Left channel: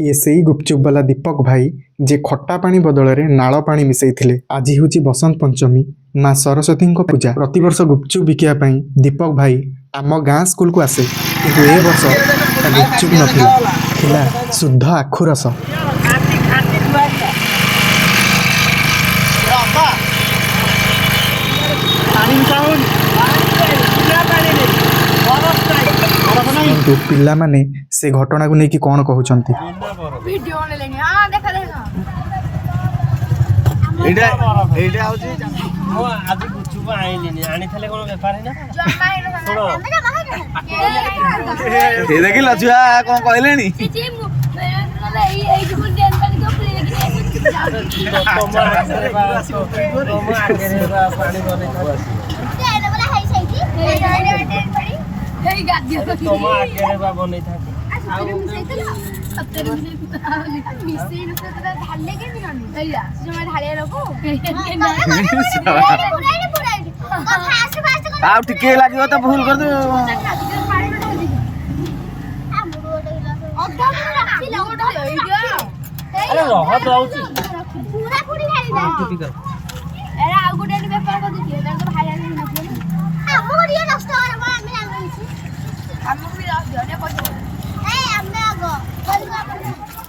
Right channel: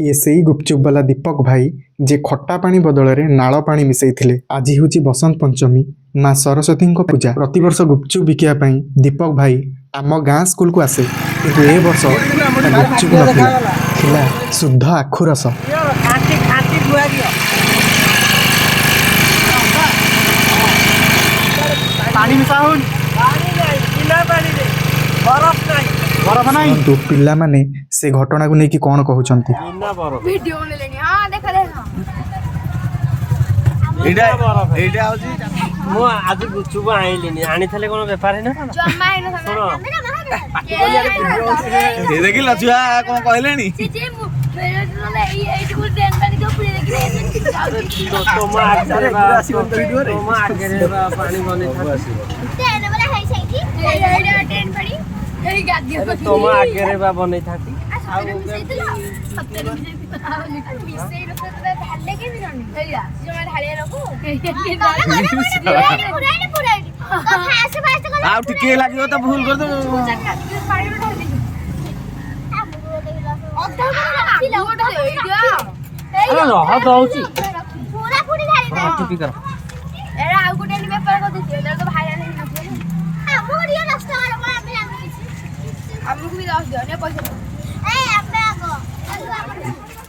ये सेई गुपचुप वाला दीपक भाई जे खट्टा पानी बदल में नाल पानी मिसैथिले। आज हूँ बसंत पंचमी, माँ सरस्वती पूजा। प्रतिवर्ष गुपचुप बिकापी दीपक भाई आम गाँ स्कूल को आसे, किंतु ए वर्ष गुपचुप नथिला शुद्ध आखु रस। पिला माने से घटना को लेकिन कौन कहते देखिल छुआ कौन कहले तुम आगे बन टिके लगे तो भूल कर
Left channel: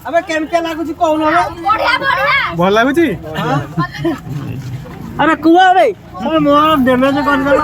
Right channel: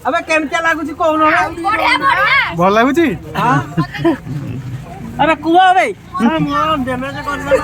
अबे केमते लागुची कोन भल लगुच। अरे कुआ बे मोर डैमेज कर दे।